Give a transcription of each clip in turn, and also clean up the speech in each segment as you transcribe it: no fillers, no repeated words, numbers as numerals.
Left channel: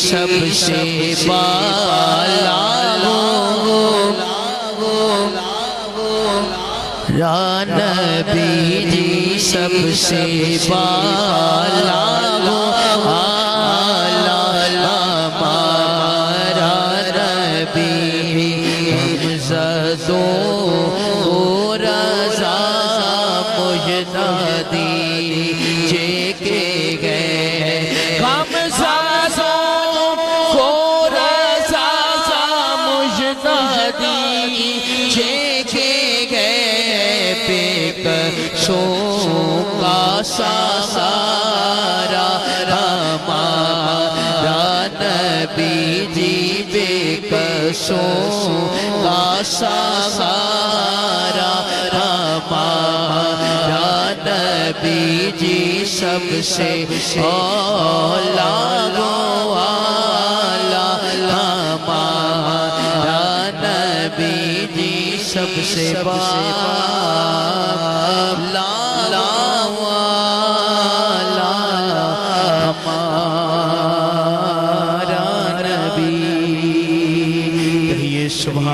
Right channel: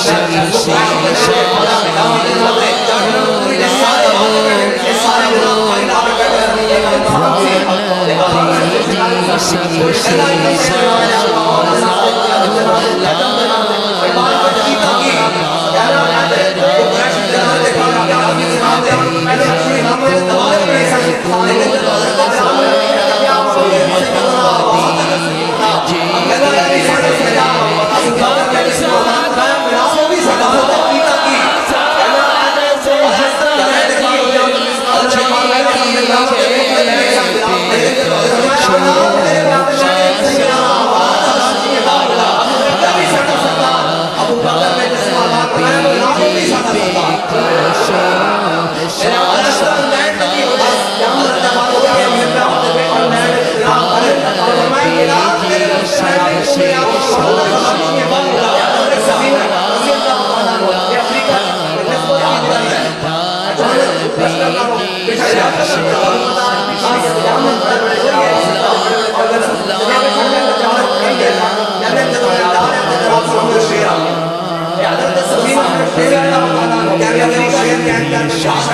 سب سے بالا ہو یا نبی جی سب سے بالا ہو آلہ ہمارا نبی عزتوں کو رضا مجدادی چیکے گئے ہم زادوں کو رضا مجدادی چیکے گئے پیکشوں کا سہارا ہمارا نبی جی پیکشوں کا سہارا نبی جی سب سے اولا والا ہمارا نبی جی سب سے بالا والا ہمارا نبی یہ شان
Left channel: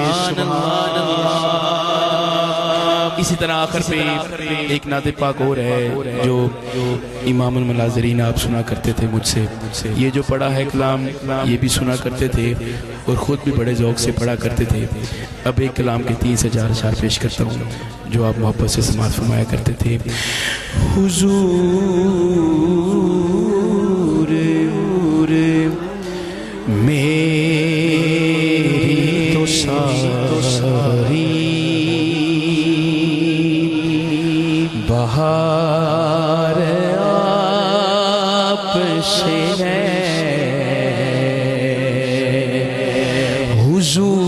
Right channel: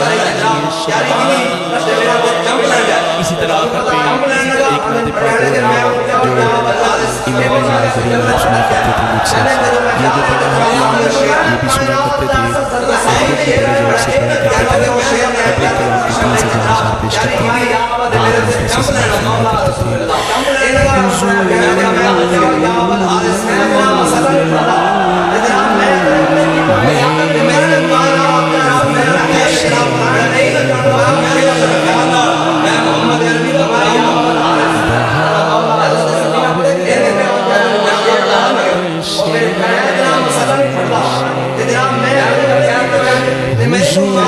اسی طرح آخر پہ ایک نعت پاک اور ہے جو امام ناظرین آپ سنا کرتے تھے مجھ سے، یہ جو پڑھا ہے کلام یہ بھی سنا کرتے تھے اور خود بھی بڑے ذوق سے پڑھا کرتے تھے۔ اب ایک کلام کے 3 سے 4 اشعار پیش کرتے ہیں جو آپ محبت سے سنایا کرتے تھے۔ حضور میری تو ساری بہار آپ سے ہے، حضور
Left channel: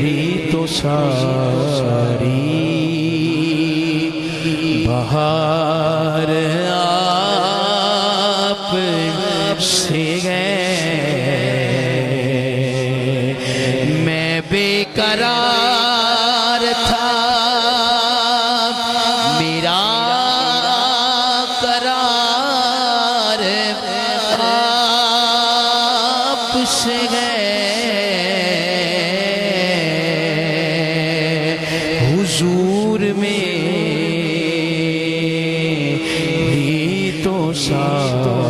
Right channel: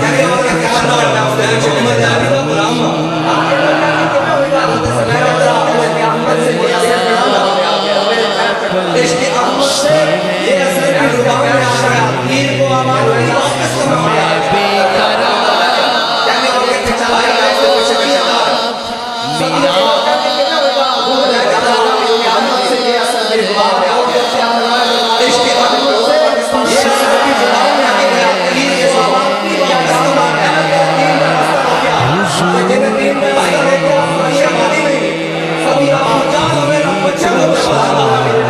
میری تو ساری بہار آپ سے ہے، میں بے قرار تھا میرا قرار آپ سے ہے، حضور میری تو ساری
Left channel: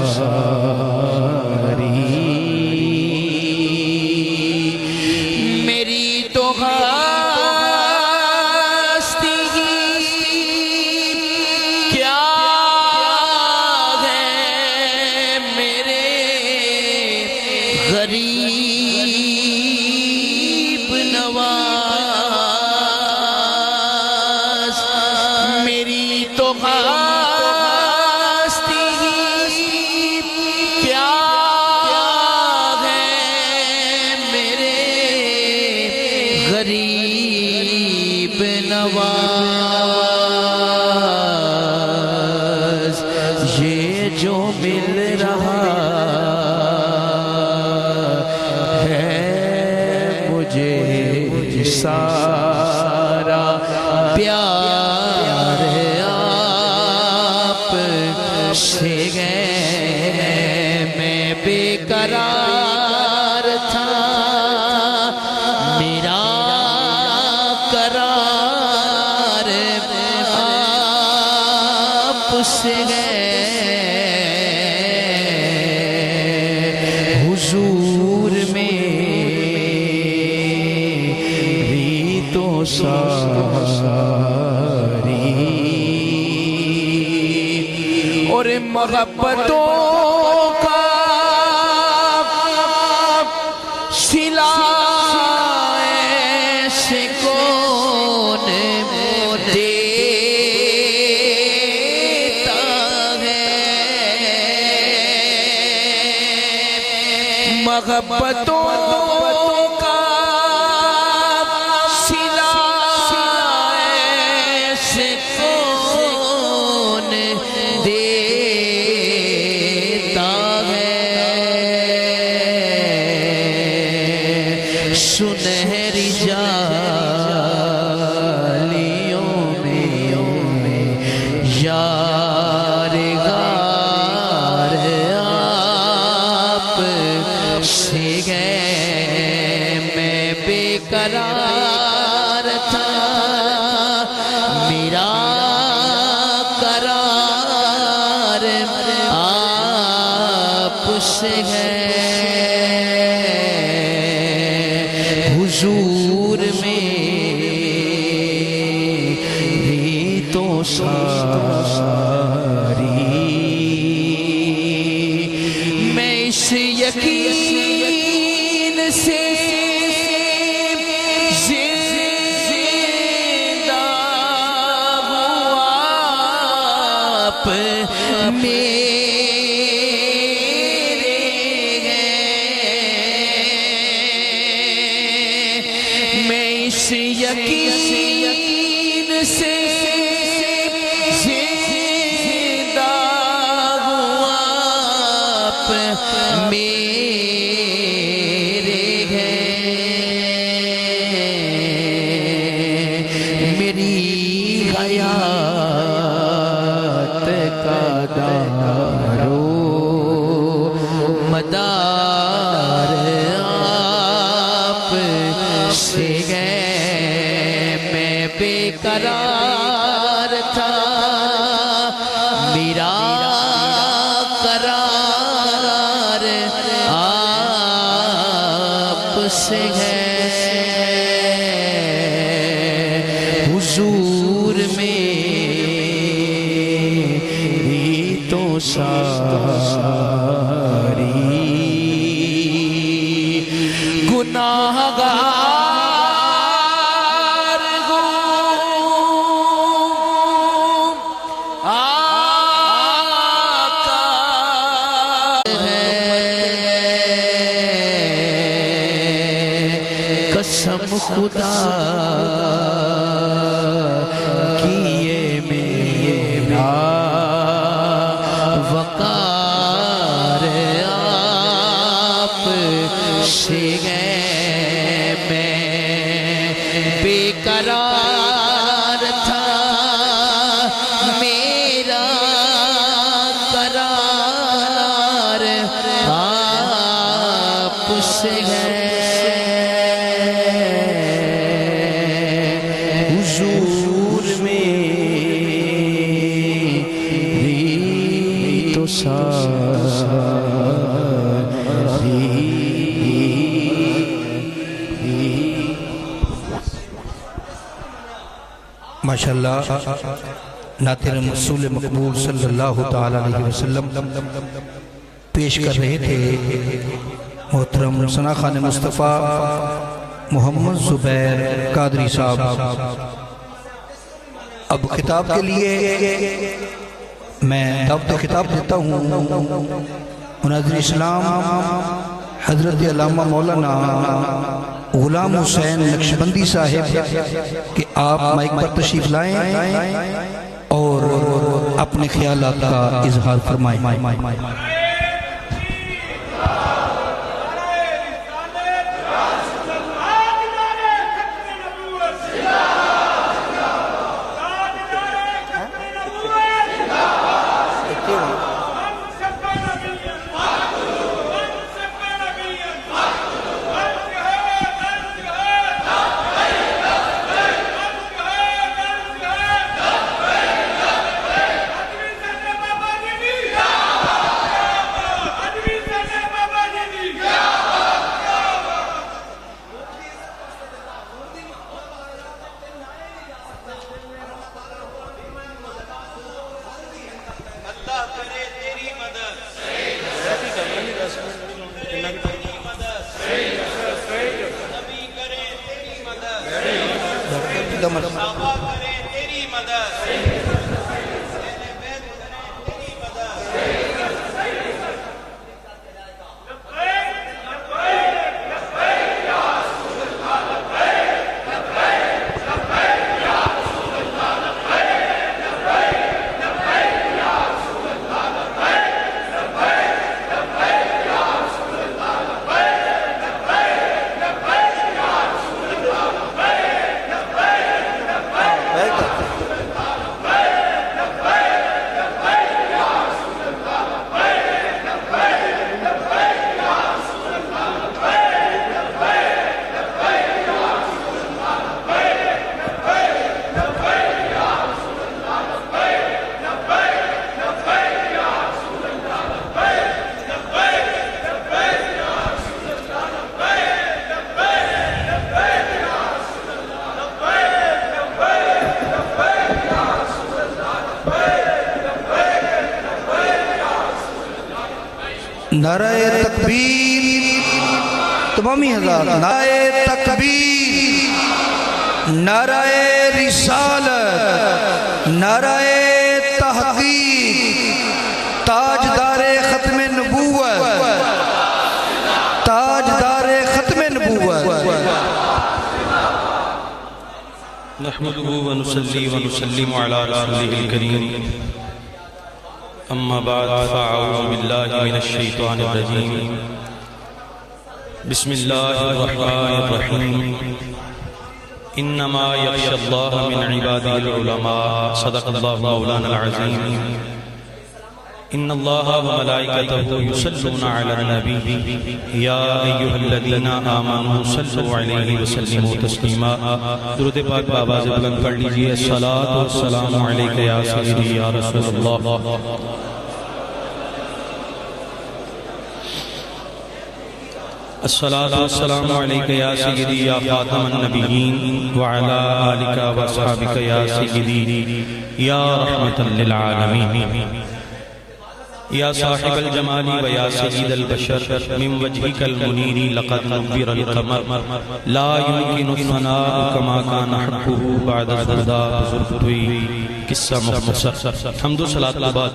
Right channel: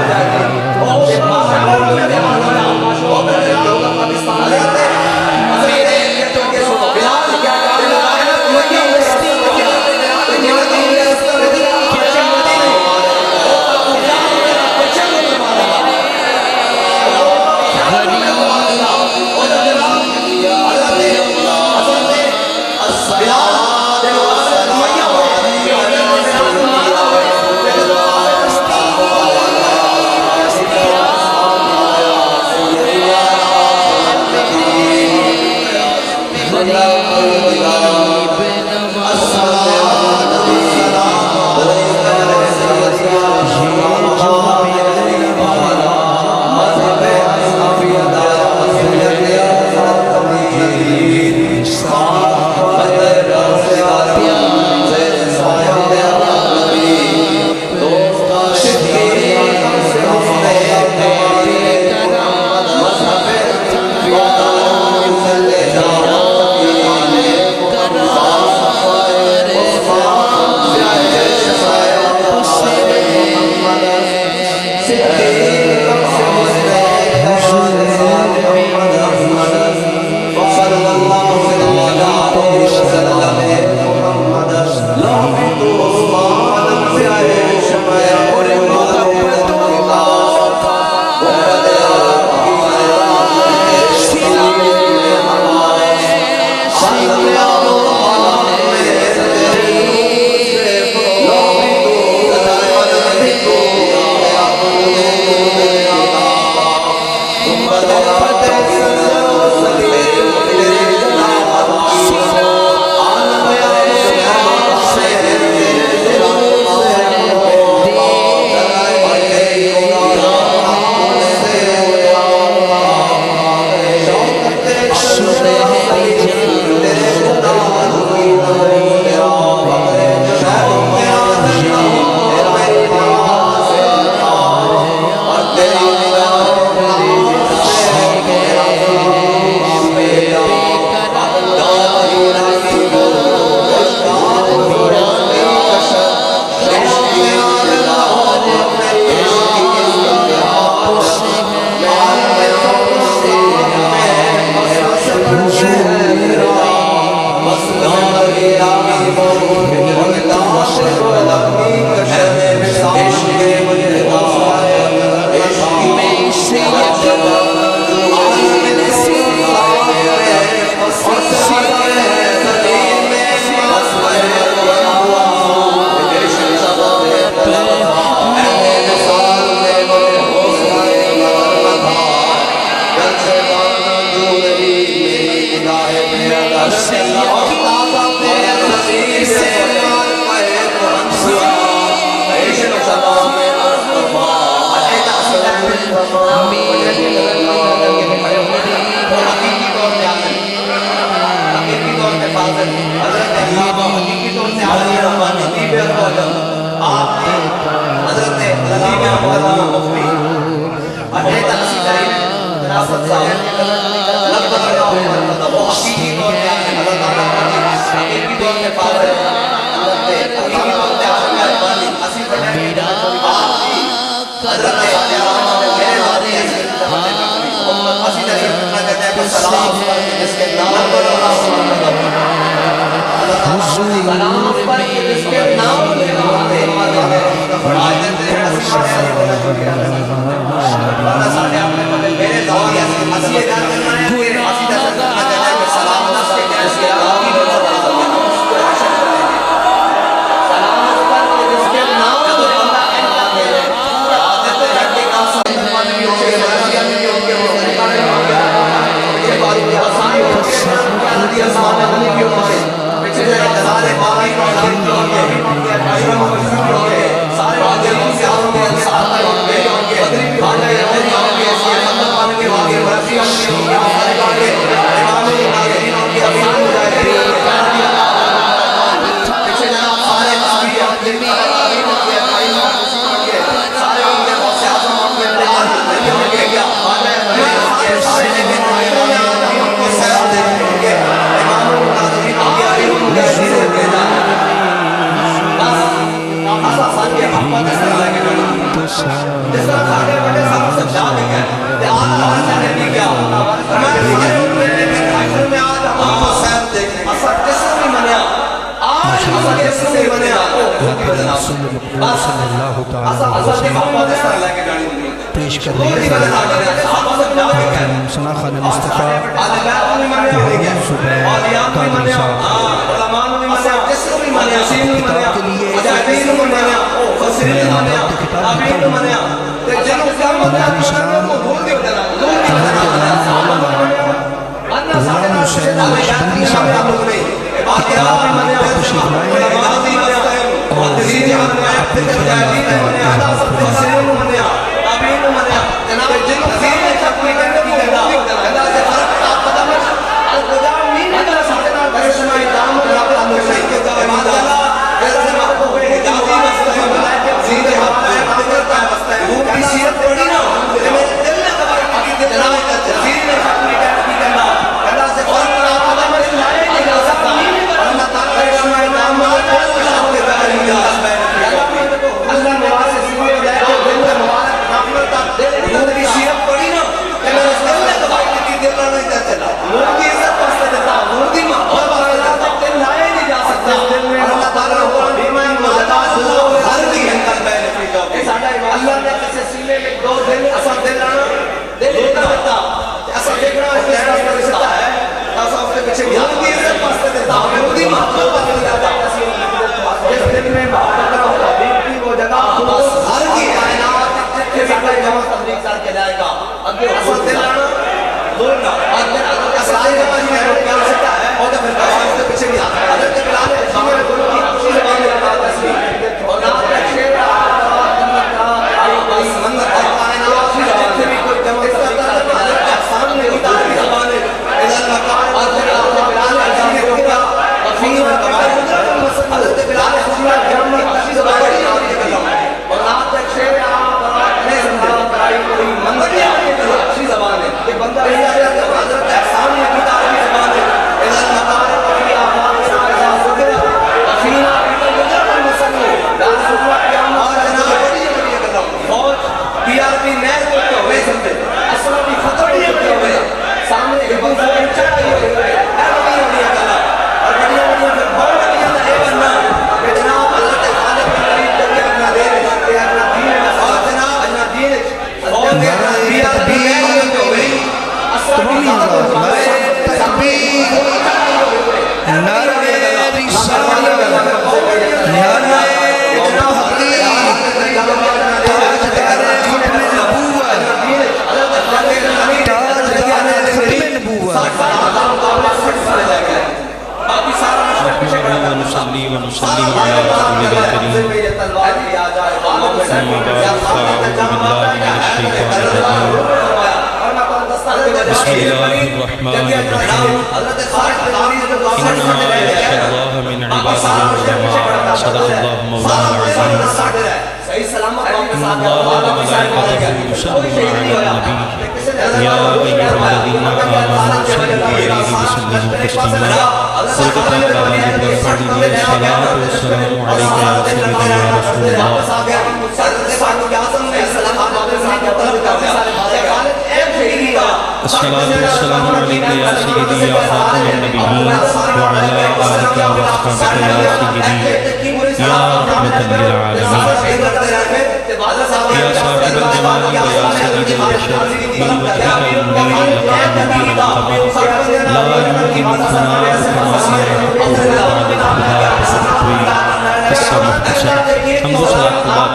میری تو ہستی کیا ہے میرے غریب نواز، میری تو ہستی کیا ہے میرے غریب نواز، یہ جو مل رہا ہے مجھے سارا پیار آپ سے ہے، میں بے قرار تھا میرا قرار آپ سے ہے، حضور میری تو ساری اور محبتوں کا سلا ایسے کون دیتا ہے، محبتوں کا سلا ایسے کون دیتا ہے، سنہری جالیوں میں یار غار سے ہے حضور میری تو ساری میں اس یقین سے قرار تھا میرا قرار آپ سے ہے حضور میری تو ساری گناہگار ماشاءاللہ ذاکر رسول مقبول صلی اللہ تعالیٰ علیہ وسلم پیش کر رہے تھے محترم ثنا خان مصطفیٰ محمد زبیر قادری صاحب. اب خطاب کے لیے میں دعوت خطاب دیتا ہوں ناظر اسلام حضرت علامہ مولانا غلام حسین نقشبندی صاحب کہ آپ مائک پر تشریف لائیں اور اپنے خیالات کا اظہار فرمائیں. تکبیر تمامی حضرات، نعرہ تکبیر، نعرہ رسالت، نعرہ تحقیق، تاجدار ختم نبوت، تاجدار ختم نبوت. نحمده ونصلي ونسلم على رسوله الكريم أما بعد فأعوذ بالله من الشيطان الرجيم بسم الله الرحمن الرحيم إنما يخشى الله من عباده العلماء صدق الله مولانا العظيم إن الله وملائكته يصلون على النبي يا أيها الذين آمنوا صلوا عليه وسلموا تسليما. درود پاک بابا جی بلند پڑھ لیجئے. الصلاۃ والسلام علیک یا سیدی یا رسول اللہ. الصلاۃ والسلام علیک یا سیدی یا خاتم النبیین وعلی آلک واصحابک یا سیدی یا رحمۃ للعالمین. یا صاحب الجمال و یا سید البشر من وجهک المنیر لقد نبر القمر لا يمكن ثناء كما كان حقه بعد الخدا بزرگوی. قصہ مختصر. حمد و صلاۃ کے بعد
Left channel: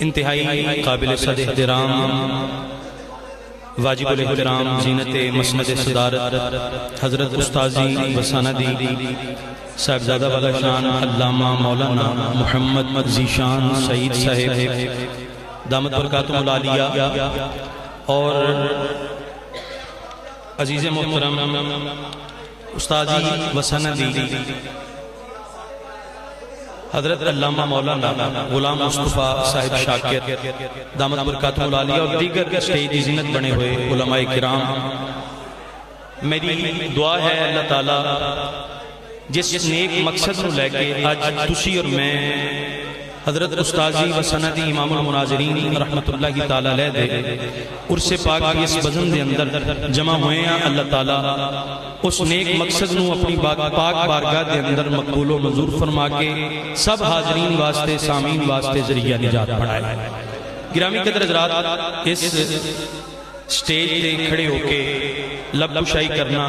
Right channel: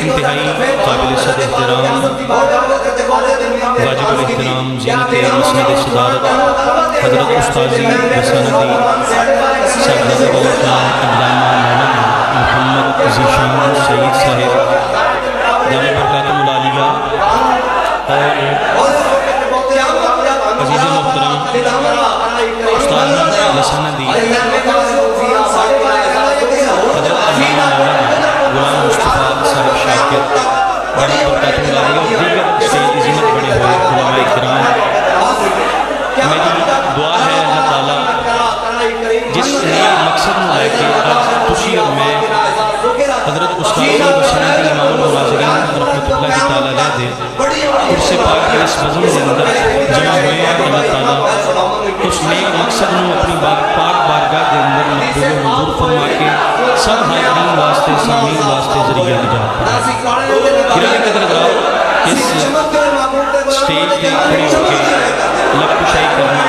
انتہائی قابل صد احترام واجب الاحترام زینت مسند صدارت حضرت استاذی و سندی صاحبزادہ والا شان علامہ مولانا محمد ذیشان سعید صاحب دامت برکاتہم العالیہ، اور عزیز محترم استاذی و سندی حضرت علامہ مولانا غلام مصطفیٰ صاحب شاکر دامت برکاتہم العالیہ، اور دیگر اسٹیج کی زینت بنے ہوئے علماء کرام. میری دعا ہے اللہ تعالیٰ جس نیک مقصد نو لے کے اج تسی اور میں حضرت استاذی و سندی امام المناظرین رحمت اللہ تعالیٰ علیہ دے عرص پاک کے اس بزم دے اندر جمع ہوئے ہیں. اللہ تعالیٰ اس نیک مقصد نو اپنی پاک بارگاہ دے اندر مقبول و منظور فرما کے سب حاضرین واسطے سامعین واسطے ذریعہ نجات بنائے. گرامی قدر حضرات، اس سٹیج تے کھڑے ہو کے لب کشائی کرنا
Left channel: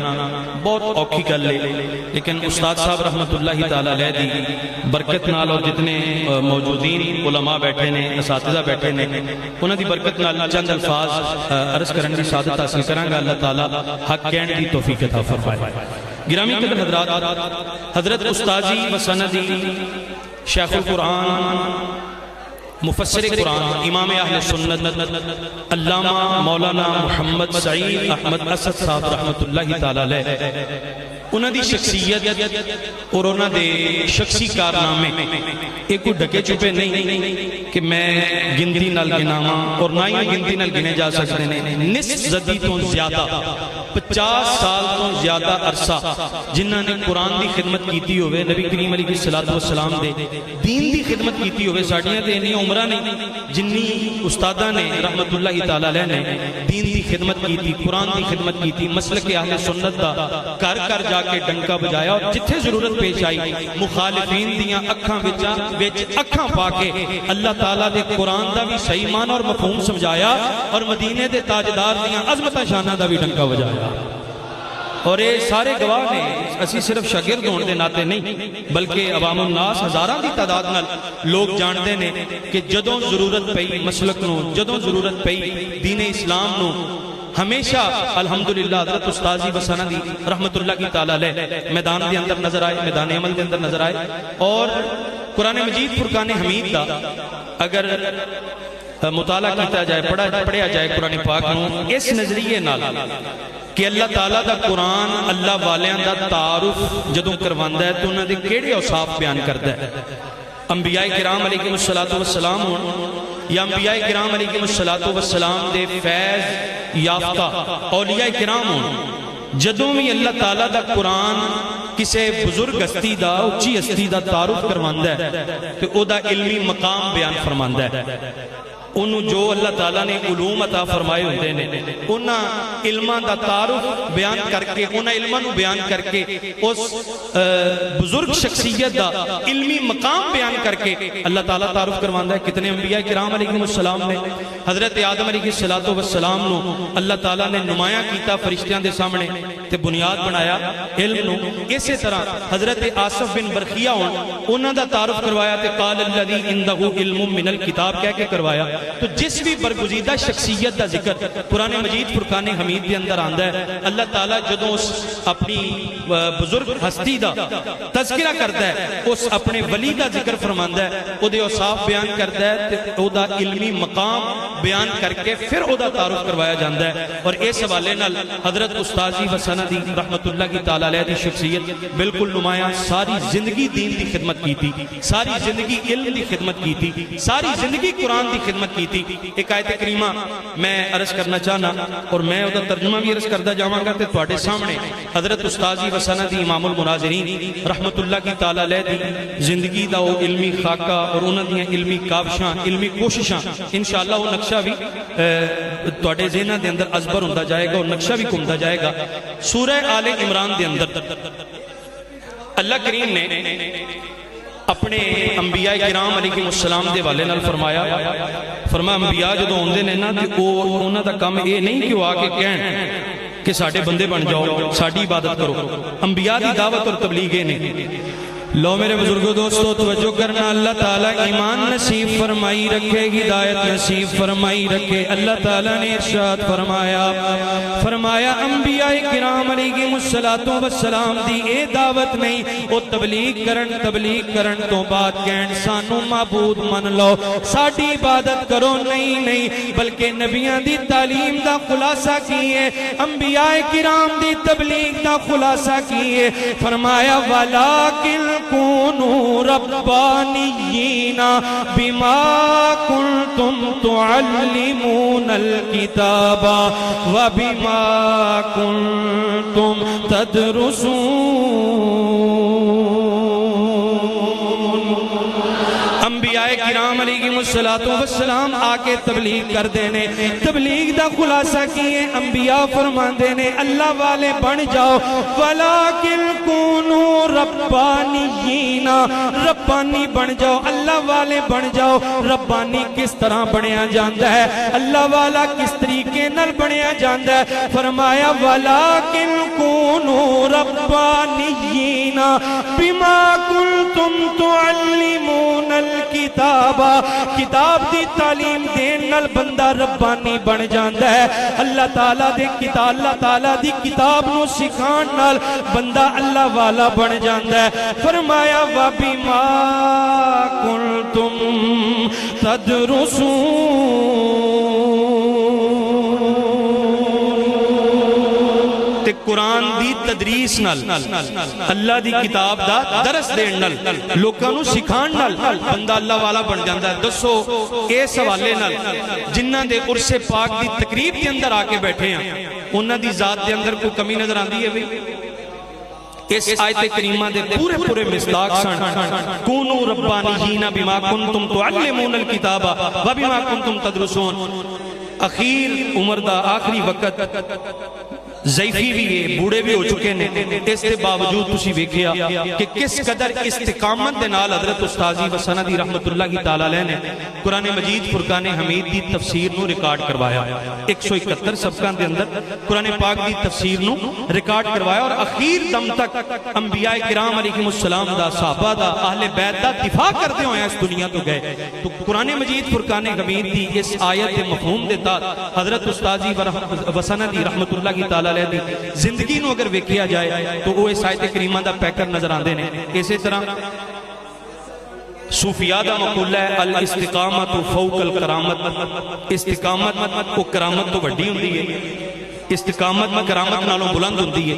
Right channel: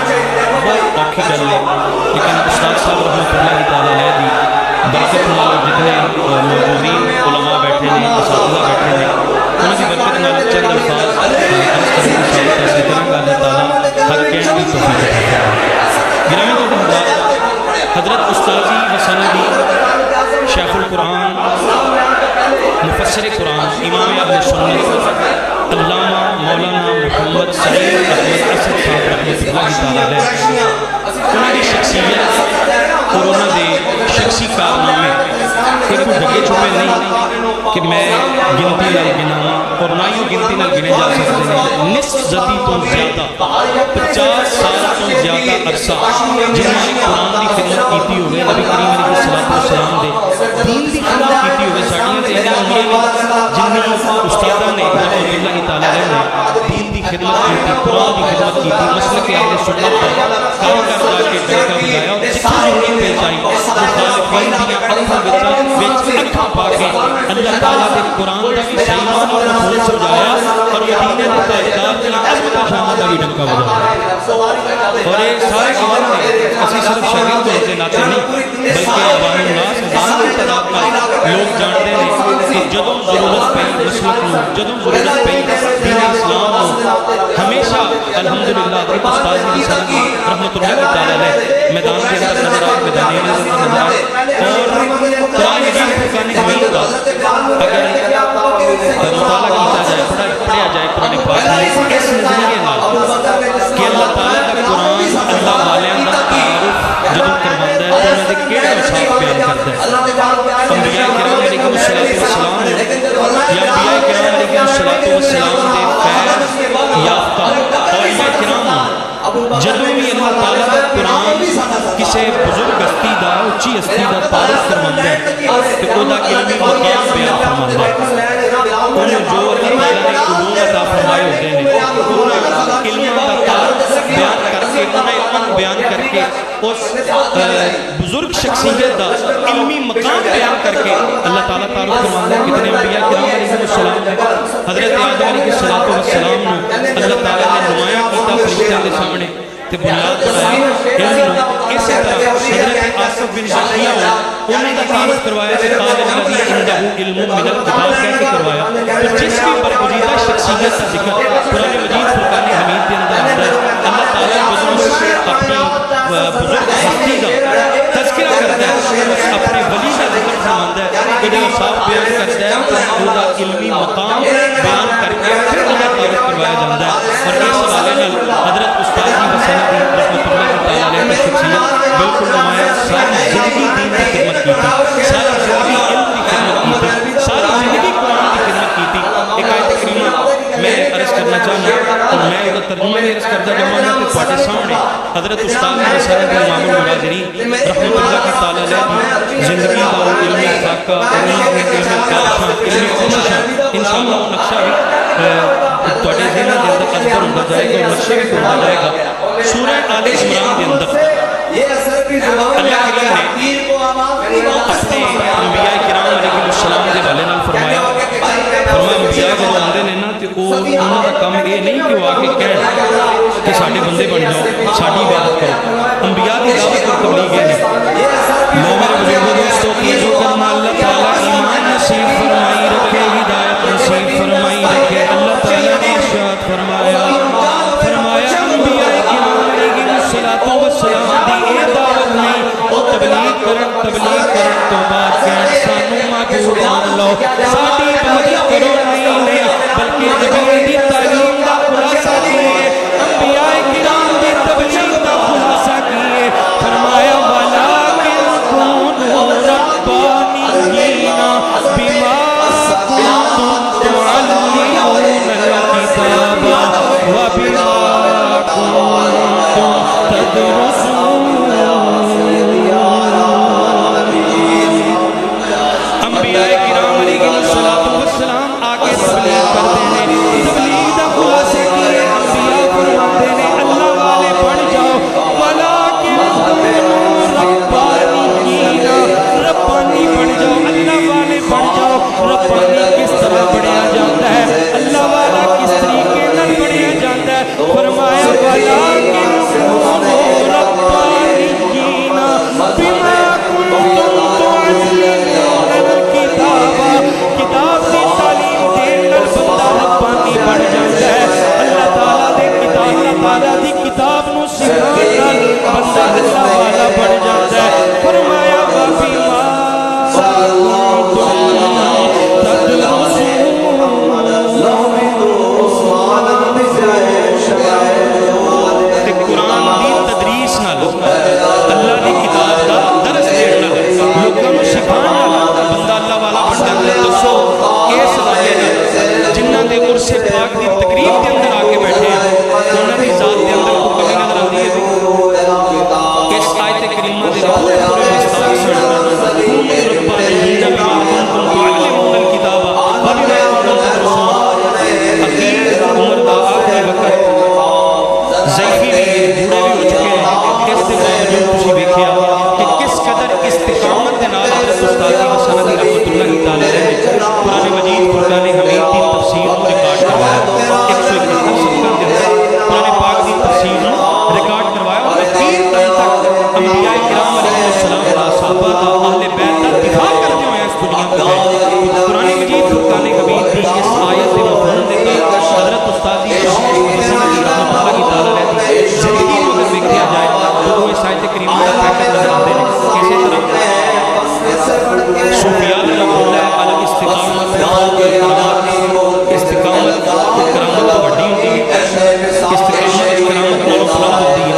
بہت اوکھی گل ہے، لیکن استاد صاحب رحمت اللہ تعالیٰ علیہ دی برکت نال اور جتنے موجودین علماء بیٹھے نے، اساتذہ بیٹھے نے، انہوں دی برکت نال چند الفاظ عرض کرنے کی سعادت حاصل کروں گا. اللہ تعالیٰ حق کہنے کی توفیق عطا فرمائے. گرامی قدر حضرات، حضرت استاذی و سندی شیخ القرآن مفسر قرآن امام اہل سنت علامہ مولانا محمد سعید احمد اسد صاحب رحمت اللہ تعالیٰ علیہ، انہوں دی شخصیت اور انہوں دے شخصی کارنامے ایک کو ڈھکے چھپے نہیں کہ میں گنتی نال گناواں، اور نہ ہی گنتی نال گنے جا سکتے ہیں. نصف صدی تو زیادہ 50 سال تو زیادہ عرصہ جنہوں نے قرآن دی خدمت کیتی ہوئے، نبی کریم علیہ السلام دے دین دی خدمت کیتی ہوئے. ساڑیاں تے انہیں عمرہ نہیں جنہی استادہ نے رحمت اللہ تعالیٰ علیہ نے دین دی خدمت کیتی، قرآن دی خدمت کیتی، مسلک اہل سنت دا کر جا کے ڈنکا بجایا، اور جتھے ضرورت پیش آئی مخالفین دیاں اکھاں وچ اکھاں پا کے اللہ تعالیٰ دے قرآن دا بھی صحیح معنی اور مفہوم سمجھایا، اور مدینے دے تاجدار دیاں عظمتہ شانہ دا بھی ڈنکا بجایا. اور یہ سارے گواہ نے، اسی صرف شاگرد ہونے دے ناتے نہیں بلکہ عوام الناس ہزاراں کی تعداد نال لوگ جانتے ہیں کہ جدوں ضرورت پئی مسلک نو، جدوں ضرورت پئی دین اسلام نو، ہمیشہ الحمدللہ حضرت استاذی و سندی رحمت اللہ تعالیٰ علیہ میدان دے اندر نظر آئے، میدان عمل دے اندر نظر آئے. اور قرآن مجید فرقان حمید دا اگر مطالعہ کیتا جائے، پڑھیا جائے قرآن پاک میں اس نظریے نال کہ اللہ تعالیٰ دا قرآن اللہ والیاں دا تعارف جدوں کرواندہ ہے تو انہوں نے کیڑے اوصاف بیان کرتا ہے. انبیاء کرام علیہ السلام ہوں یا انبیاء کرام علیہ السلام دے فیض یافتہ اولیاء کرام ہوں، جدوں بھی اللہ تعالیٰ دا قرآن کسے بزرگ ہستی دا، اچھی ہستی دا تعارف کرواندہ ہے کہ او دا علمی مقام بیان فرماندہ ہے. انہوں جو اللہ تعالیٰ نے علوم عطا فرمائے ہوتے ہیں، انہوں علماں دا تعارف بیان کر کے، انہوں علماں بیان کر کے اس بزرگ شخصیت دا علمی مقام بیان کر کے اللہ تعالیٰ تعارف کروانا ہے. کتنے انبیاء کرام علیہ السلام نے حضرت آدم علیہ السلام نو اللہ تعالیٰ نے نمایاں کیتا فرشتیاں دے سامنے تے بنیاد بنایا علم نو. اسی طرح حضرت آصف بن برقیہ انہوں دا تعارف کروایا کہ قال الذی عندہ علم من الکتاب کہہ کے کروایا. تو جس بھی برگزیدہ شخصیت کا ذکر قرآن مجید فرقان حمید کے اندر آتا ہے, اللہ تعالیٰ جدوں اپنی بزرگ ہستی دا تذکرہ کرتا ہے, اس اپنے ولی دا ذکر فرماندا ہے, وہ دے اوصاف بیان کرتا ہے, تو وہ دا علمی مقام بیان کر کے پھر وہ دا تعارف کروایا جاتا ہے. اور اس حوالے نال حضرت استاذی وسندی رحمت اللہ کی تعالیٰ علیہ کی شخصیت بالکل نمایاں, ساری زندگی دین کی خدمت کی تھی, ساری زندگی علم کی خدمت کی تھی, ساری زندگی قرآن کی خدمت کی تھی. ایک آیت کریمہ میں عرض کرنا چاہنا اور میں وہ ترجمہ بھی عرض کرتا جاؤں گا تو تواڈے سامنے حضرت استاذی وسندی امام المناظرین رحمت اللہ کی تعالیٰ علیہ دی زندگی دا وہ علمی خاکہ اور انہوں نے علمی کاوشاں علمی کوششاں انشاءاللہ وہ نقشہ بھی تواڈے ذہناں دے اندر ازبر ہوندا جائے گا اور نقشہ بھی ہوندا جائے گا. سورہ آل عمران دے اندر اللہ کریم نے اپنے انبیاء کرام علیہ السلام دے والے نال فرمایا انبیاء جدوں آندے نے نا تے او انہاں دا کم یہ نہیں کہ وہ آ کے کہن کہ ساڈے بندے بن جاؤ, ساڈی عبادت کرو. انبیاء دی دعوت اور تبلیغ یہ نہیں. لو میرے بزرگوں دوستو توجہ کرنا, اللہ تعالیٰ ایمان نصیب فرمائی رکھے, ہدایت نصیب فرمائی رکھے. اللہ تعالیٰ نے ارشاد فرمایا انبیاء کرام علیہ السلام دی اے دعوت نہیں, وہ تبلیغ کرن تو بعد کہن سانو معبود من لو, ساڈی عبادت کرو. نہیں بلکہ نبیاں دی تعلیم دا خلاصہ کیے, انبیاء کرام دی تبلیغ دا خلاصہ کیے. فرمایا وَلَٰكِنْ كُونُوا رَبَّانِيِّينَ بِمَا كُنْتُمْ تُعَلِّمُونَ الْكِتَابَ وَبِمَا كُنْتُمْ تَدْرُسُونَ. انبیاء کرام علیہ السلام آکے تبلیغ کر دینے, تبلیغ دا خلاصہ کیے. انبیاء فرماندے نے اللہ والے بن جاؤ, وَلَٰكِنْ كُونُوا رَبَّانِيِّينَ, ربانی بن جاؤ, اللہ والے بن جاؤ. ربانی کس طرح بنیا جاتا ہے, اللہ والا کس طریقے نال بنیا جاتا ہے. فرمایا وَلَٰكِنْ كُونُوا رَبَّانِيِّينَ بِمَا كُنْتُمْ تُعَلِّمُونَ الْكِتَابَ, کتاب دی تعلیم دین نال بندہ ربانی بن جاتا ہے. اللہ تعالیٰ دی کتاب نو سکھان نال بندہ اللہ والا بن جاتا ہے. فرمایا وَبِمَا كُنْتُمْ تَدْرُسُونَ, تے قرآن دی تدریس نال اللہ دی کتاب دا درس دین نال لوگاں نو سکھان نال بندہ اللہ والا بن جاتا ہے. دسو اس حوالے نال جنہاں دے عرس پاک دی تقریب کے اندر آ کے بیٹھے ہیں انہاں دی ذات دے اندر کوئی کمی نظر آندی ہے بھی؟ اس آیت کریمہ دے پورے مصداق سن کونوا ربانیین بما کنتم تعلمون الکتاب وبما کنتم تدرسون. اخیر عمر دا آخری وقت, ضعیفی بھی ہے, بوڑھے بھی ہو چکے ہیں, اس کے باوجود تسی ویکھیا کہ کس قدر استقامت دے نال حضرت استاذی وسندی رحمت اللہ کی تعالیٰ علیہ نے قرآن مجید فرقان حمید دی تفسیر نو ریکارڈ کروایا. 171 صفحاں دے اندر قرآن پاک دی تفسیر نو ریکارڈ کروایا اور اخیر دم تک انبیاء کرام علیہ السلام دا, صحابہ دا, اہل بیت دا دفاع کرتے ہوئے اس دنیا کو گئے. قرآن مجید فرقان حمید دی اس آیت دے مفہوم دیتا حضرت استاذی وسندی رحمت اللہ کی تعالیٰ علیہ دی زندگی نو اگر ویکھیا جائے تو وہ اس آیت کریمہ دا پیکر نظر آندے نے. اسی طرح صوفیاء دا مقولہ ہے الاستقامت فوق الکرامت, استقامت کو کرامت تو بڑی ہوندی ہے, استقامت کرامت نالوں بلند ہوندی ہے.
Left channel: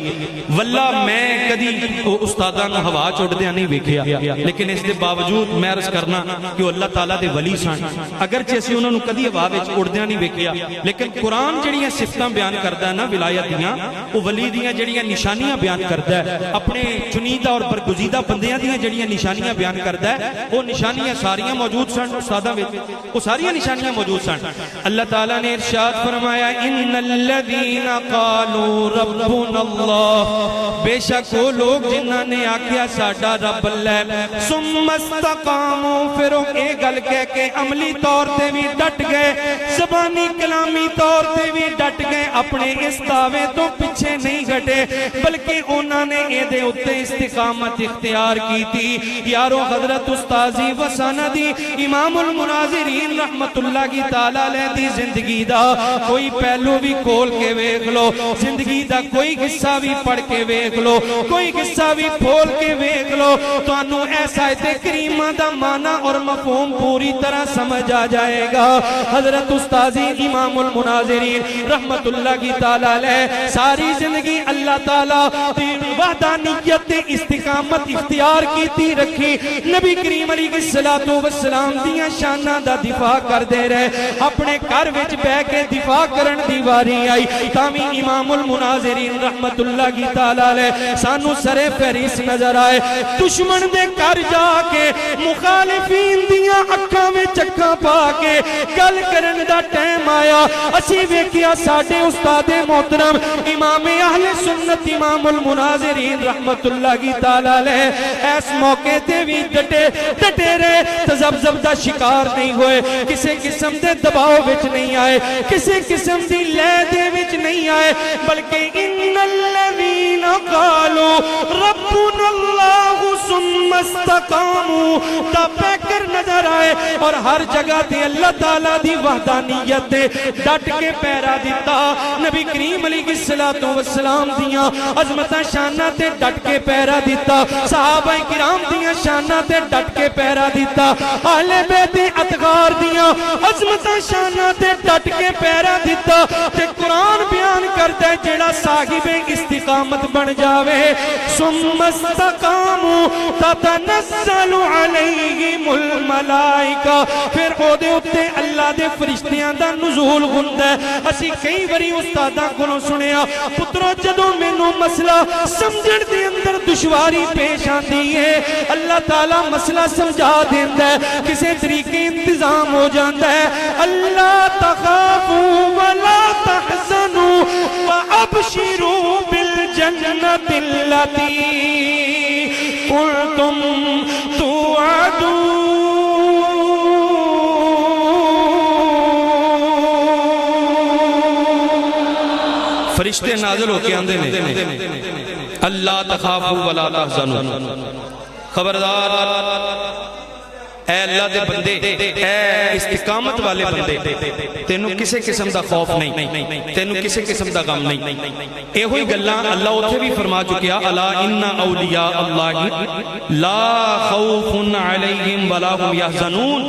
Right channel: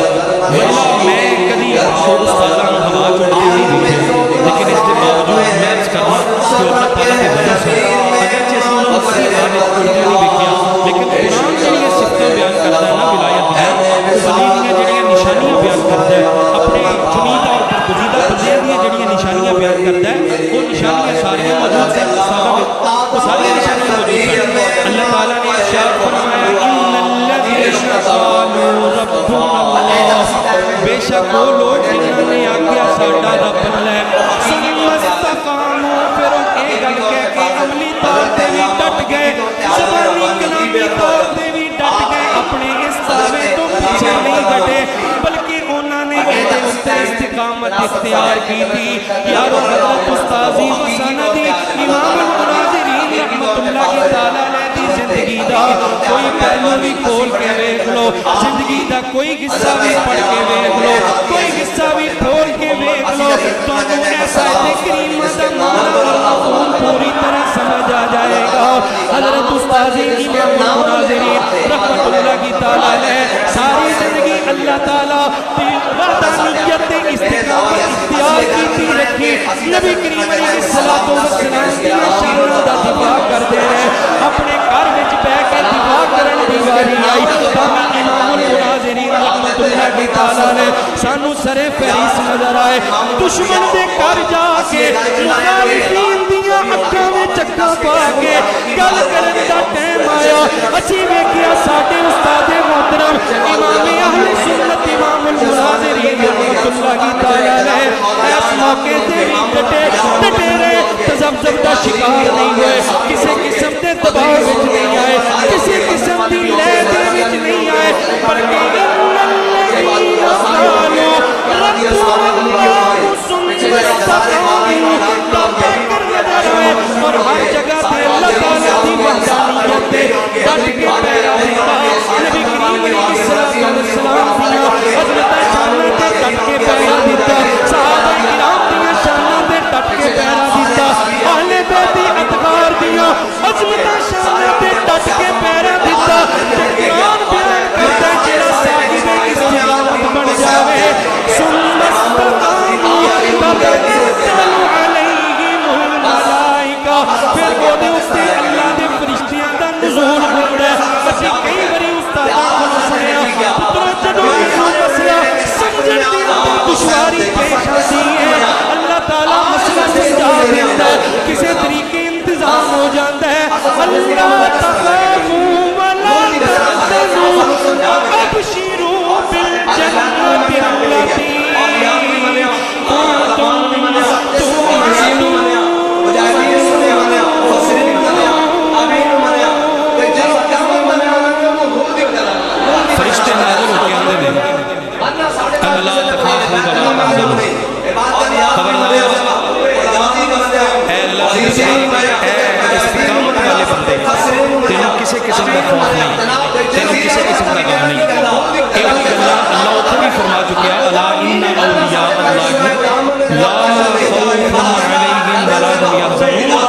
واللہ میں کدی وہ استاداں نو ہوا چڑھتے نہیں ویکھیا, لیکن اس دے باوجود میں عرض کرنا کہ اللہ تعالیٰ دے ولی سن. اگرچہ اسی انہوں نے کدی ہوا اڑدیا نہیں ویکھیا, لیکن قرآن جڑیاں صفتاں بیان کرتا ہے نا ولایت دیاں, وہ ولی دیاں جڑیاں نشانیاں بیان کرتا ہے, اپنے چنیدہ اور برگزیدہ بندیاں دیاں جڑیاں نشانیاں بیان کرتا ہے, وہ نشانیاں ساریاں موجود سن استاداں وچ, وہ ساری نشانیاں موجود سن. اللہ تعالیٰ نے ارشاد فرمایا ان الذین قالوا ربنا اللہ، بے شک وہ لوگ جنہاں نے آکھیا ساڈا رب اللہ ثم استقاموا، پھر وہ اے گل کہہ کے عملی طور تے بھی ڈٹ گئے، زبانی کلامی طور تے بھی ڈٹ گئے، اپنے اس دعوے تو پیچھے نہیں گھٹے، بلکہ انہوں نے اے دے اتے استقامت اختیار کی تھی۔ یارو حضرت استاذی و سندی امام المناظرین رحمت اللہ کی تعالیٰ علیہ دی زندگی دا کوئی پہلو بھی کھول کے ویکھ لو، زندگی دا کوئی قصہ بھی پڑھ کے ویکھ لو، کوئی قصہ بھی کھول کے ویکھ لو، تو انہوں ایسا آیت کریمہ دا معنی اور مفہوم پوری طرح سمجھ آ جائے گا۔ حضرت استاذی امام المناظرین رحمت اللہ کی تعالیٰ علیہ ساری زندگی اللہ تعالیٰ دی وحدانیت استقامت اختیار کی تھی رکھی، نبی کریم علیہ السلام دیا شانہ دا دفاع کر دے رہے، اپنے گھر وچ بہ کے دفاع کرن دی واری آئی، تامی امام المناظرین رحمت اللہ کی تعالیٰ علیہ سانو سرے فہرست نظر آئے، دشمن دے گھر جا کے مخالفین دیا اکھاں میں چکھاں پا کے گل کرن دا ٹائم آیا، اسی ویکھیا ساڈے استاد محترم امام اہل سنت امام المناظرین رحمت اللہ کی تعالیٰ علیہ اس موقع تے بھی ڈٹے رہے، تذبذب دا شکار نہیں ہوئے، کسی قسم دے دباؤ وچ نہیں آئے، کسی قسم دی لے دے وچ نہیں آئے، بلکہ ان الذین قالوا ربنا اللہ ثم استقاموا دا پیکر نظر آئے، اور ہر جگہ تے اللہ تعالیٰ دی وحدانیت تے ڈٹ کے پیرا دیتا، نبی کریم علیہ السلام دیاں عظمتہ شانہ تے ڈٹ کے پیرا دیتا، صحابہ کرام دیاں شانہ تے ڈٹ کے پیرا دیتا، اہل بیت اطہار دیاں عظمتہ شانہ تے ڈٹ کے پیرا دیتا، تے قرآن بیان کرتا ہے جیڑا صاحب استقامت بن جاوے ثم استقاموا تتنزل علیہم الملائکہ، پھر وہ دے اتے اللہ دے فرشتیاں دا نزول ہوندا ہے۔ اسی کئی باری استاداں کولوں سنیا پترو جدوں مینوں مسئلہ سمجھن دے اندر دشواری پیش آتی ہے، اللہ تعالیٰ مسئلہ سمجھا دیندا ہے، کسے طریقے انتظام ہو جاندا ہے، اللہ تخافوا ولا تحزنوا وابشروا بالجنۃ التي کنتم توعدون۔ فرشتے نازل ہو کے آندے نے اللہ تخافوا ولا تحزنوا، خبردار اے اللہ دے بندے، اے استقامت والے بندے، تینوں کسے قسم دا خوف نہیں، تینوں کسے قسم دا غم نہیں۔ اے ہوئی گلاں اللہ اتھے بھی فرما چکیا الا ان اولیاء اللہ لا خوف علیہم ولا هم یحزنون،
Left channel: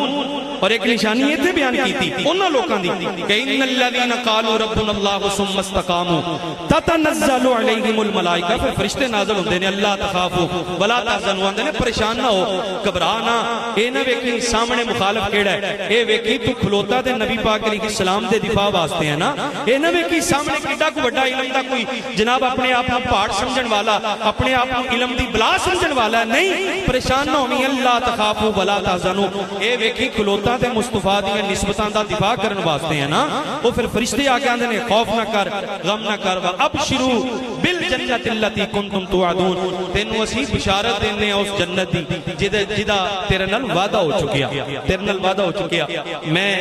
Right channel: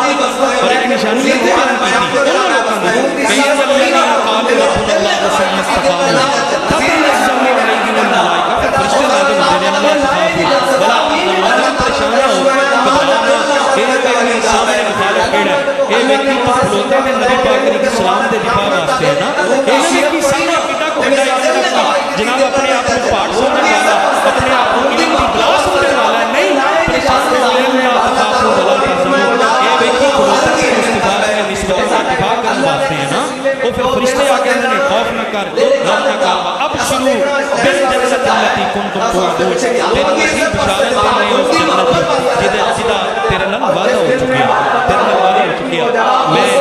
اور ایک نشانی یہ تھی بیان کی تھی انہوں لوگوں دی کہ ان الذین قالوا ربنا اللہ ثم استقاموا تتنزل علیہم الملائکہ، پھر فرشتے نازل ہوتے ہیں اللہ تخافوا ولا تحزنوا، اندر پریشان نہ ہو، گھبرانا، اے نہ ویکھی سامنے مخالف کیڑا ہے، اے ویکھی تو کھلوتا دے نبی پاک علیہ السلام دے دفاع واسطے ہے نا، اے نہ ویکھی سامنے کڈا کو بڑا علم دا کوئی جناب اپنے آپ کو پاٹ سمجھن والا، اپنے آپ کو علم دی بلا سمجھن والا، نہیں، پریشان نہ ہونی، اللہ تخافوا ولا تحزنوا، اے ویکھی کھلوتا تے مصطفیٰ دے نسبتاں دا دفاع کرن واسطے ہے نا، وہ پھر فرشتے آ کے آندے نے خوف نہ کر، غم نہ کر، ابشروا بالجنت التی کنتم توعدون، تینوں اسی بشارت دینے اس جنت دی جدا تیرے نال وعدہ ہو چکیا، تیرے نال وعدہ ہو چکیا۔ میں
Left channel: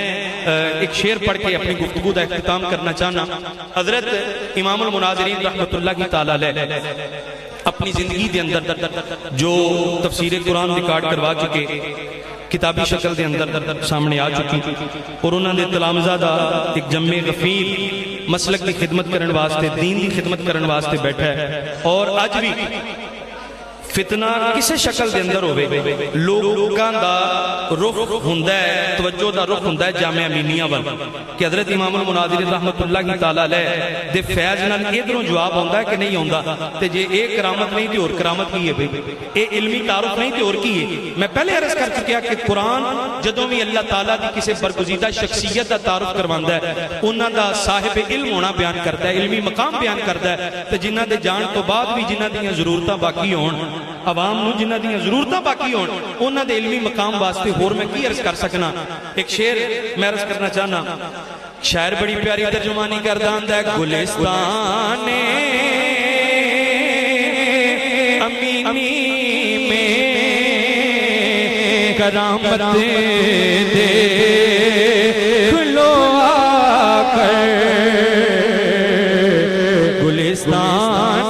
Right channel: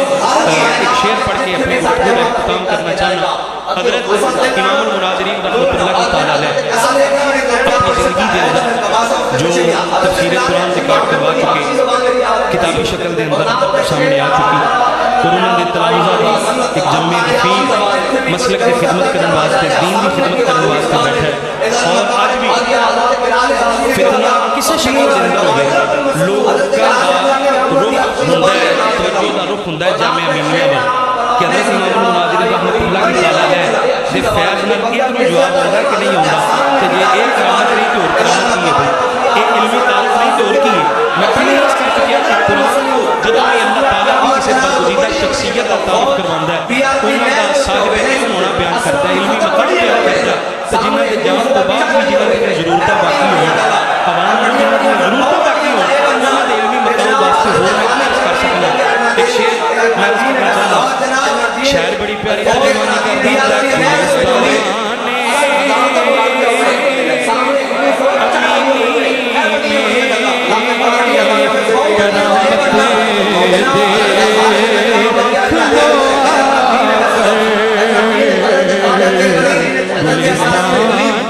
ایک شعر پڑھ کے اپنی گفتگو کا اختتام کرنا چاہنا۔ حضرت امام المناظرین رحمت اللہ کی تعالیٰ علیہ اپنی زندگی دے اندر جو تفسیر قرآن ریکارڈ کروا چکے، کتابی شکل دے اندر سامنے آ چکی، اور انہوں نے تلامذہ دا ایک جمع غفیر مسلک کی خدمت کرن واسطے، دین دی خدمت کرن واسطے بیٹھا ہے، اور آج بھی فتنہ کسے شکل دے اندر ہوئے لوگاں دا رخ ہوندا ہے، توجہ دا رخ ہوندا ہے جامعہ امینیہ وال، کہ حضرت امام المناظرین رحمت اللہ کی تعالیٰ علیہ دے فیض نال ادھروں جواب ہوندا ہے کہ نہیں ہوندا، تے جے ایک کرامت نہیں تے اور کرامت کی ہے بھائی، اے علمی تعارف نہیں تے اور کی ہے۔ میں پہلے عرض کر چکیا کہ قرآن جدوں بھی اللہ تعالیٰ کی کسی برگزیدہ شخصیت کا تعارف کرواندہ ہے، انہاں دا صاحب علم ہونا بیان کرتا ہے، علمی مقام بیان کرتا ہے، تو جنہ دے جان تو بعد بھی جنہ دیا ضرورتاں باقی ہون، عوام نو جنہ دیا ضرورتاں باقی ہون، انہاں دے علمی مقام واسطے ہور میں کی عرض کر سکنا۔ ایک شعر میں عرض کرنا چاہنا، شاعر بڑی پیاری ترجمانی کردا ہوندا ہے گلستان امینی میں کرامت دے کھلو آ کر گلستان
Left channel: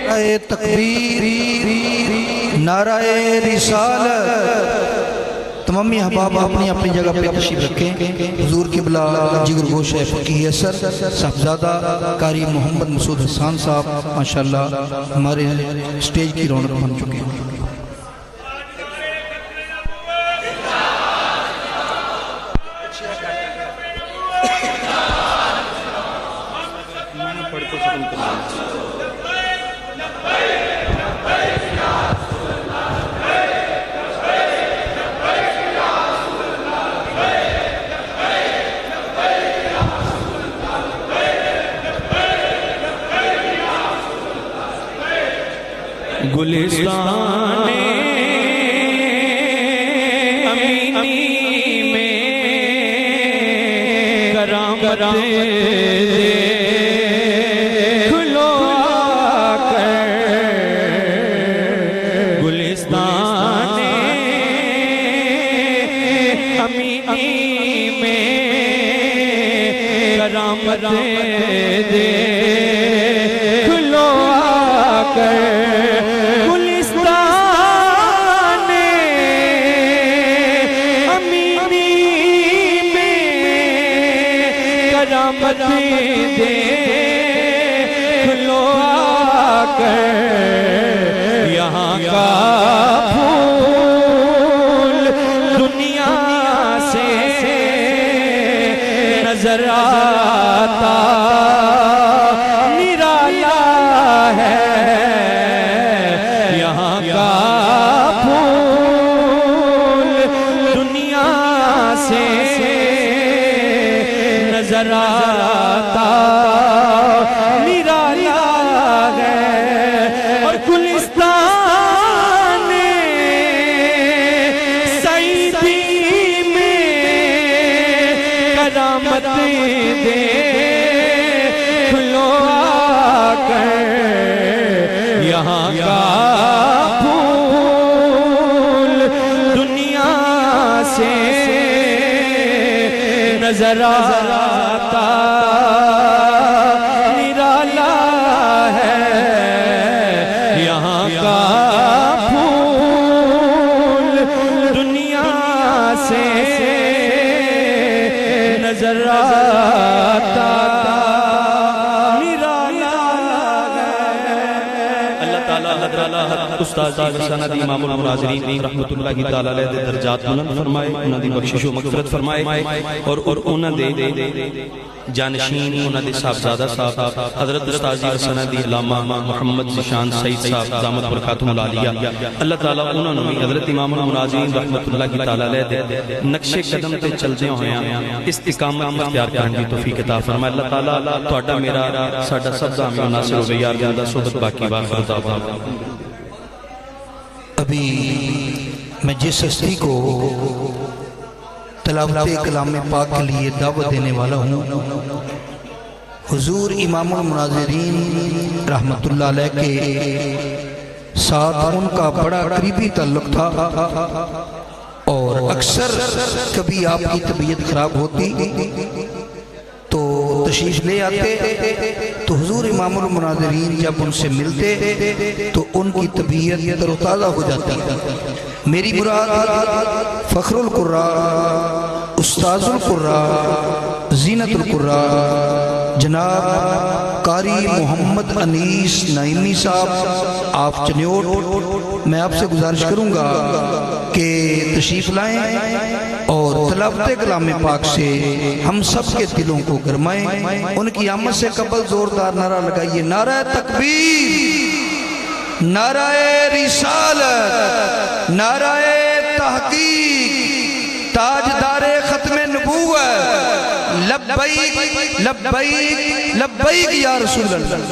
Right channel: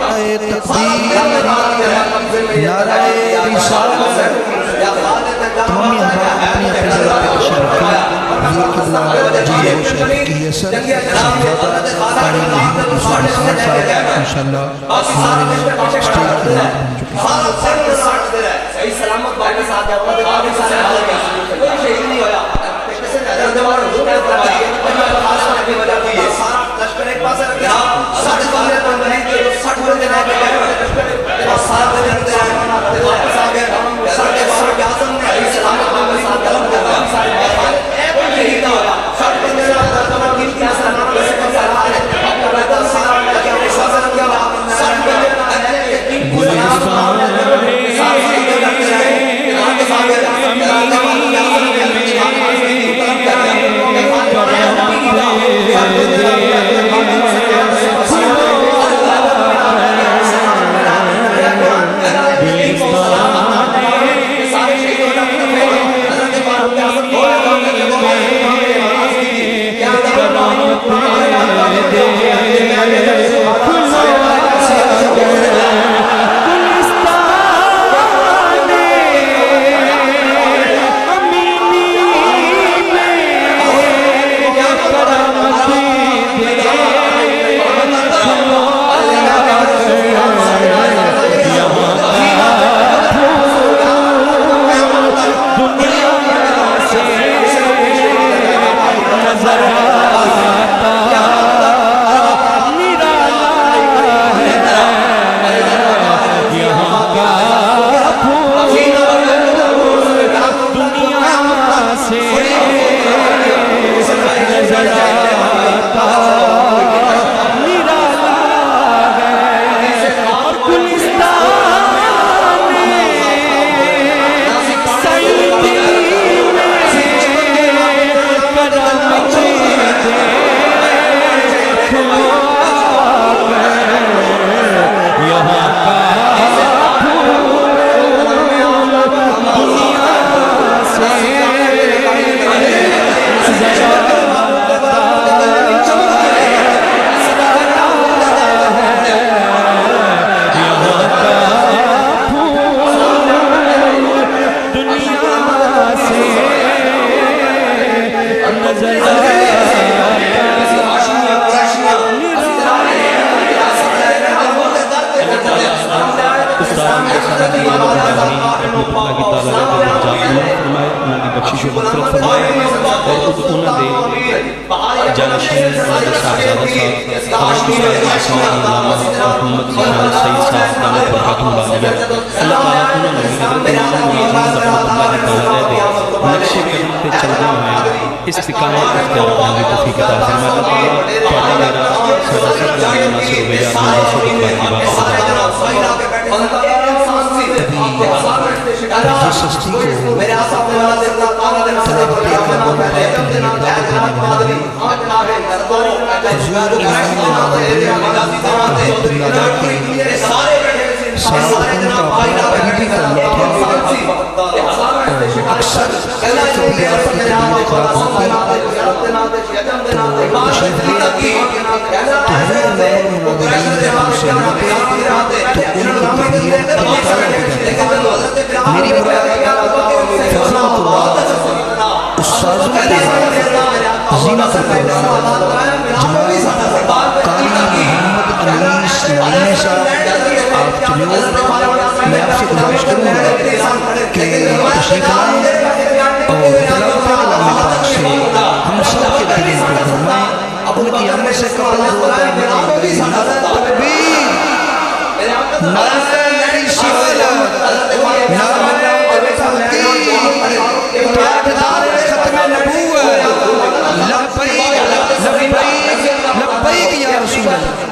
نعرہ تکبیر، نعرہ رسالت۔ تمامی احباب اپنی اپنی جگہ پہ تشریف رکھیں۔ حضور قبلہ جگر گوش فقیہ اثر صاحبزادہ قاری محمد مسعود حسان صاحب ماشاءاللہ ہمارے سٹیج کی رونق بن چکے ہیں۔ گلستان امینی میں کرامت دے کھلو آ کر گلستان امینی میں کرامت دے کھلو آ کر دے کھلو آ کر یہاں کا پھول دنیا سے نظر آتا نرالا ہے، یہاں کا پھول دنیا سے نظر آتا نرالا ہے، اور گلستان سعیدی میں کرامت دے کھلو آ کر یہاں کا پھول دنیا سے نظر آتا نرالا ہے، یہاں کا پھول دنیا سے نظر آتا اللہ تعالیٰ حضرت استاد جی رسالہ دی امام الناظرین رحمت اللہ کی تعالیٰ علیہ دے درجات بلند فرمائے، انہاں دی بخشش و مغفرت فرمائے، اور انہاں دے جانشین انہاں دے صاحبزادہ صاحب حضرت استاد جی رسالہ دی علامہ محمد ذیشان سعید صاحب دامت برکاتہم العالیہ، اللہ تعالیٰ انہوں نے بھی حضرت امام المناظرین رحمت اللہ کی تعالیٰ علیہ دے نقش قدم تے چلدے ہوئے استقامت اختیار کرنے کی توفیق عطا فرمائے۔ اللہ تعالیٰ تہاڈا میرا ساڈا سب دا ناصر ہوے یار بندہ صحبت باقی وقت رضا دے۔ ابھی میں جس ہستی کو تلاوت کلام پاک کے لیے دعوت دینے والا ہوں، حضور امام المناظرین رحمت اللہ علیہ کے ساتھ ان کا بڑا قریبی تعلق تھا، اور اکثر کبھی آپ کی طبیعت خراب ہوتی تو تشریف لے آتے، تو حضور امام المناظرین جب ان سے ملتے تو ان کی طبیعت تر و تازہ ہو جاتی۔ میری مراد فخر القراء، استاذ القراء، زینت القراء جناب قاری محمد انیس نعیمی صاحب آپ چنیوٹ، میں آپ سے گزارش کروں گا کہ تشریف لائیں اور تلاوت کلام پاک سے ہم سب کے دلوں کو گرمائیں۔ ان کی آمد سے قبل زوردار نعرہ لگائیے، نعرہ تکبیر، نعرہ رسالت، نعرہ تحقیق، تاجدار ختم نبوت، لبیک لبیک لبیک یا رسول اللہ۔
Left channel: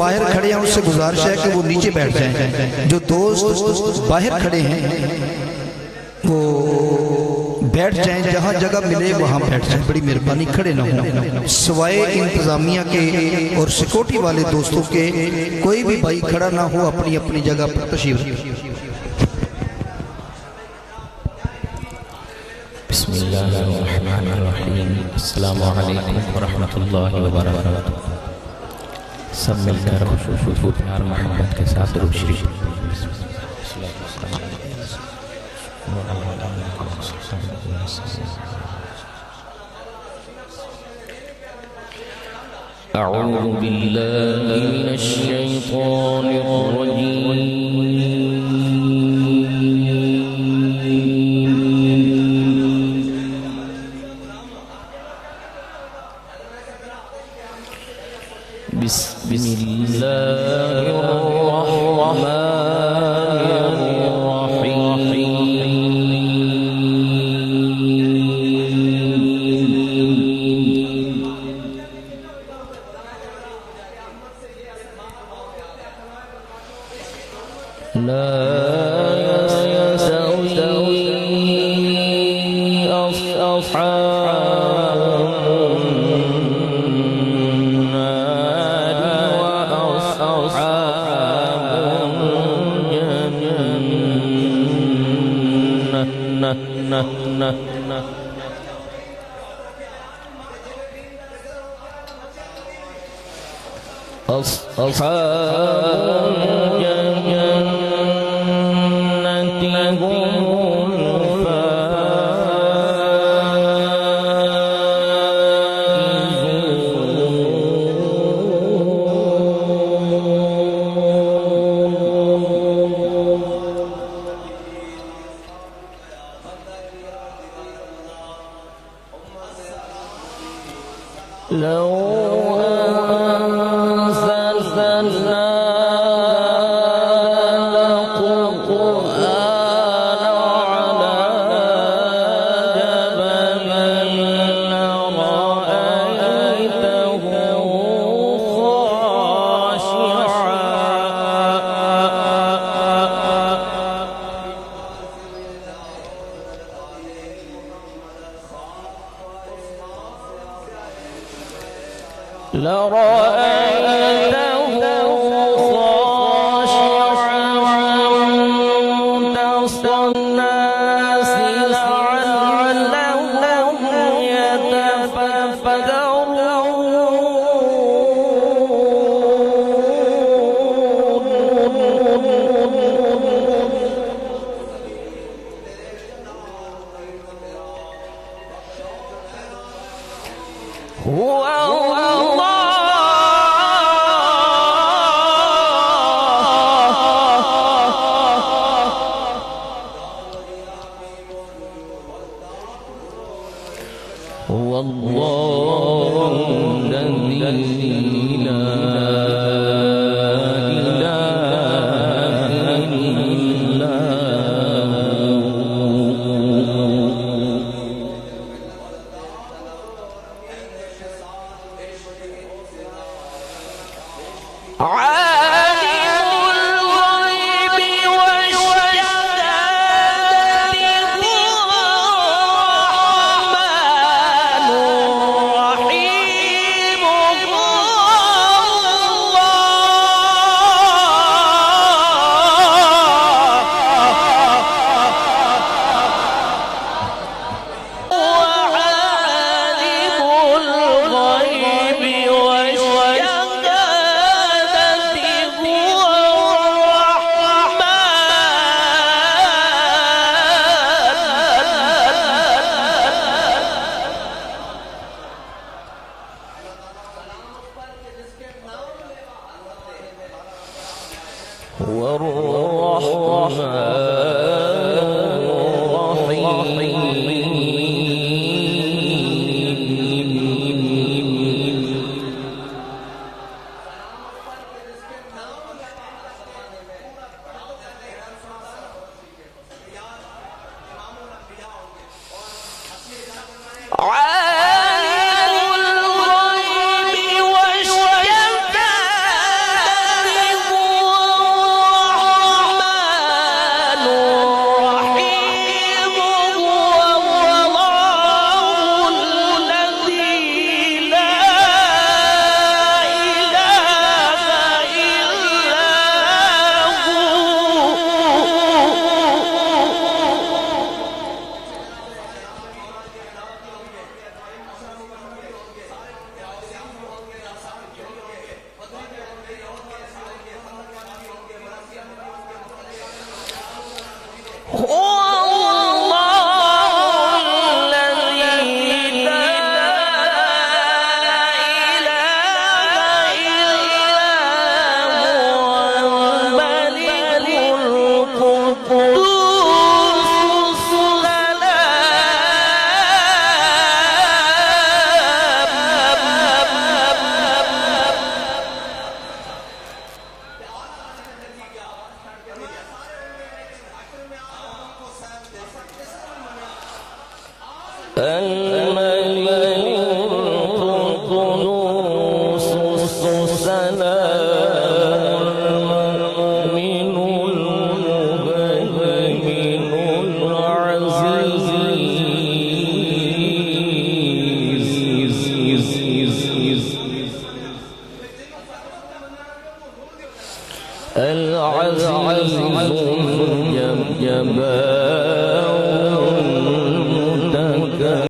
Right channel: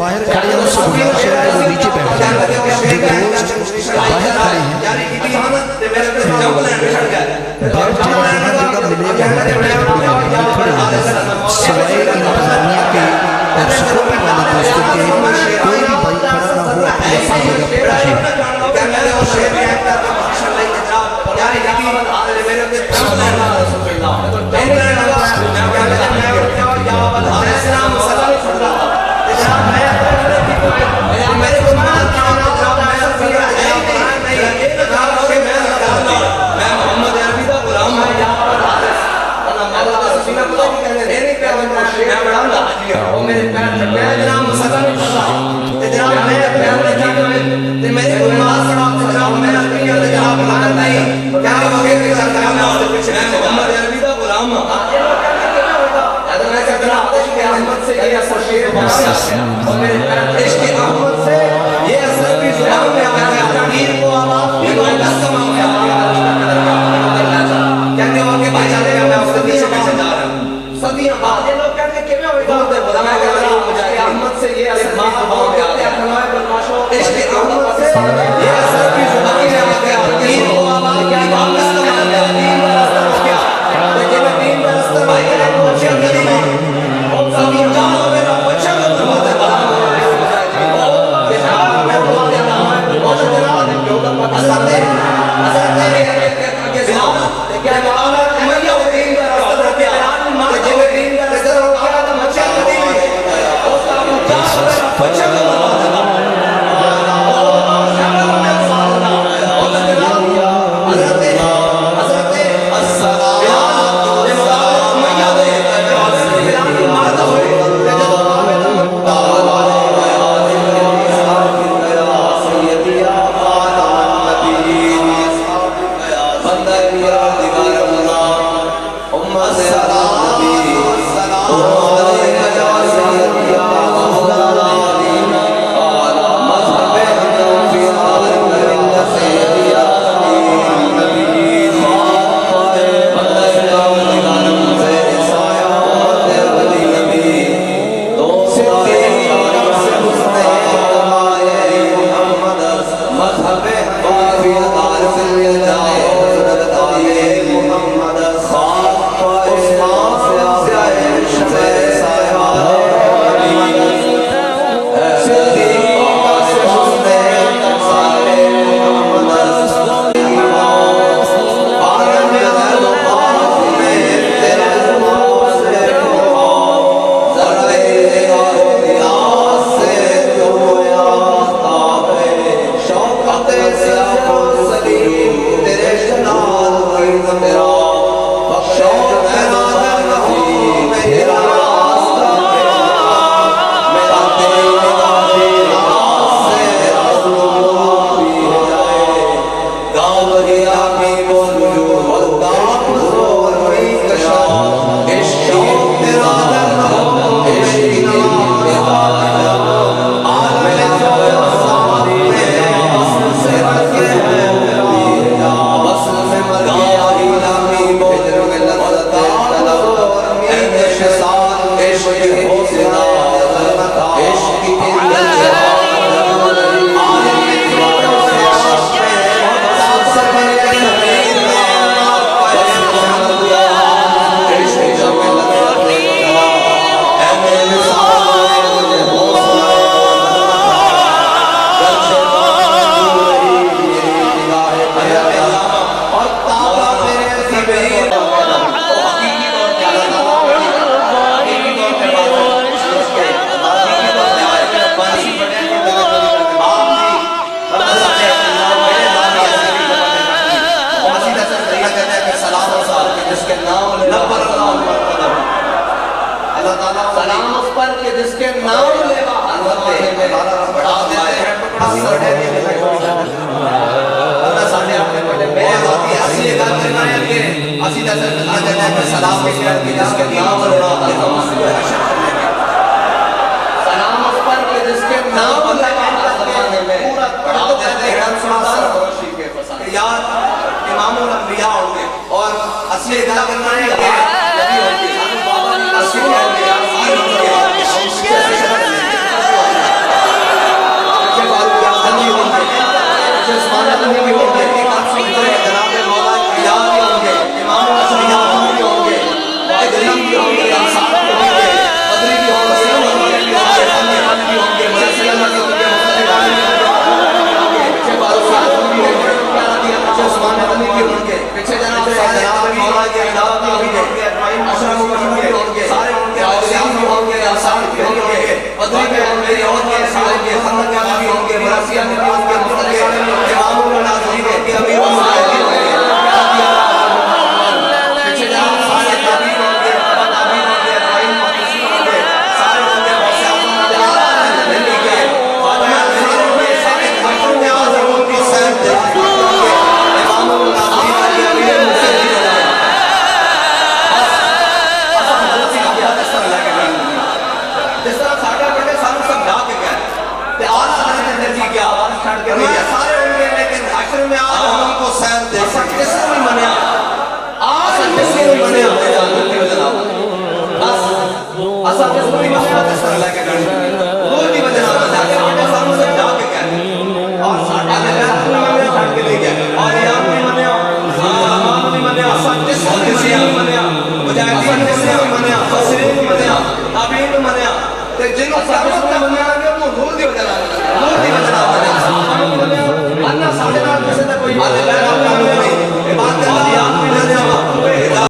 باہر کھڑے ہیں ان سے گزارش ہے کہ وہ نیچے بیٹھ جائیں. جو دوست باہر کھڑے ہیں وہ بیٹھ جائیں, جہاں جگہ ملے وہاں بیٹھ جائیں, بڑی مہربانی, کھڑے نہ ہوں. سوائے انتظامیہ کے اور سیکورٹی والے دوستوں کے کوئی بھی بھائی کھڑا نہ ہو, اپنی اپنی جگہ پر تشریف. السلام علیکم ورحمۃ اللہ وبرکاتہ. أعوذ بالله من الشيطان العزيز